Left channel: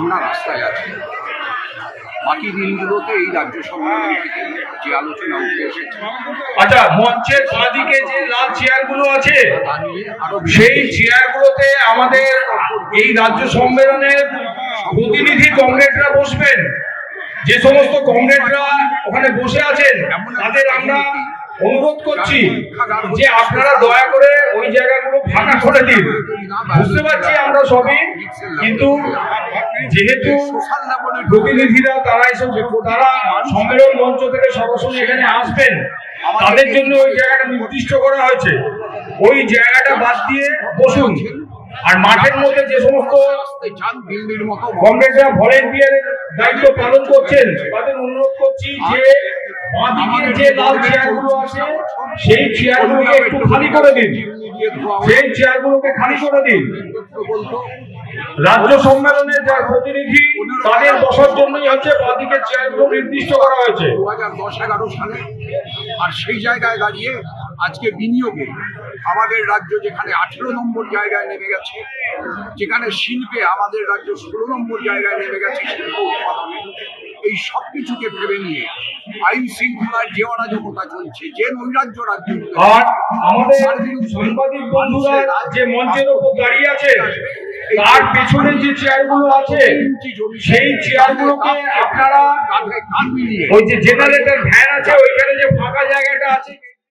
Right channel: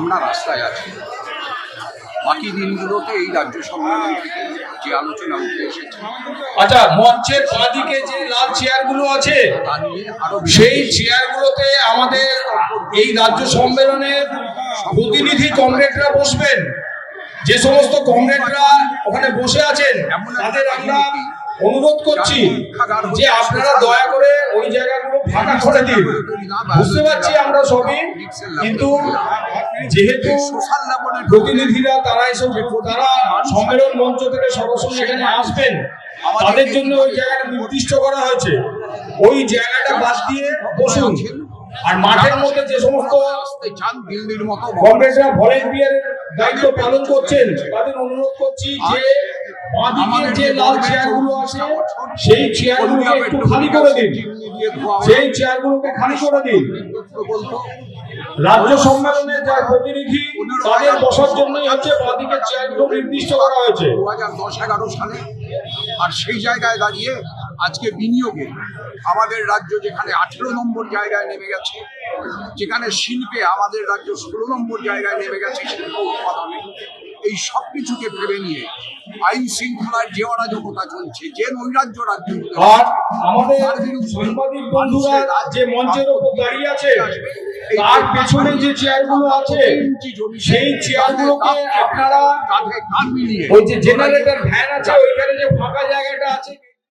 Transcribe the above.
আমরা রাস্তায় আছি। বাকি দিনগুলোতে এই রাজ্য সম্মেলন থেকে যে আলোচনা উঠে এসেছে, আচ্ছা, মঞ্চের বাঁদিকে যে লাল চেয়ারগুলো আছে তা নিয়ে আরো সেই চেয়ারগুলোতে আমাদের এই রাজ্য সম্মেলনের প্রতিনিধি কমরেডরা বসবেন। যে সমস্ত কমরেডরা ওখানে বসে আছেন তাদের আমরা অনুরোধ করছি যে আপনারা দয়া করে ওই জায়গাগুলো ফাঁকা করে দিন। বুঝতে পারছি আমরা সবই, কিন্তু যেহেতু প্রতিনিধিরা তারা সম্মেলন মঞ্চ থেকে সরাসরি এখানে আসবেন, তাদের জন্য ওই জায়গাটা নির্দিষ্ট করা হয়েছে। ওই জায়গাটা বাদ দিয়ে বসুন। আর মাঠের মধ্যে যে সমস্ত কংগ্রেসরা ভলেন্টিয়ারের দায়িত্ব পালন করছেন তাদের অনুরোধ করছি যে বাঁদিকে যে লাল চেয়ারগুলো আছে সেই চেয়ারগুলোকে একটু খালি করে দিন। সেই চেয়ারগুলোকে খালি করে দিন। রাজ্য সম্মেলনের যারা প্রতিনিধি তাদের বসার জন্যই হচ্ছে বাঁদিকে চেয়ারগুলো নির্দিষ্ট করা হয়েছে 2010-11 সালে। আর সেই জায়গায় দাঁড়িয়ে আজকে বিনিয়োগে আমাদের রাজ্য যেখানে 18 নম্বর জায়গায় নেমে গেছে, যেখানে শিল্পে আমাদের রাজ্য 16 নম্বর জায়গায় নেমে গেছে শিল্প উৎপাদনে, এই সব কিছুকে ভেবে নিয়ে আইন শৃঙ্খলার যে অরাজকতা চলছে, যে নৈরাজ্য রাজ্য, আর আমাদের সাংবাদিক বন্ধুরা যে মঞ্চের উপর দাঁড়িয়ে আছে তার পেছনে যে চেয়ারগুলো আছে সেই চেয়ারগুলোকে আপনারা ওই যে জেনারেটর ভ্যান আছে ওইখানে যে ফাঁকা জায়গাটা আছে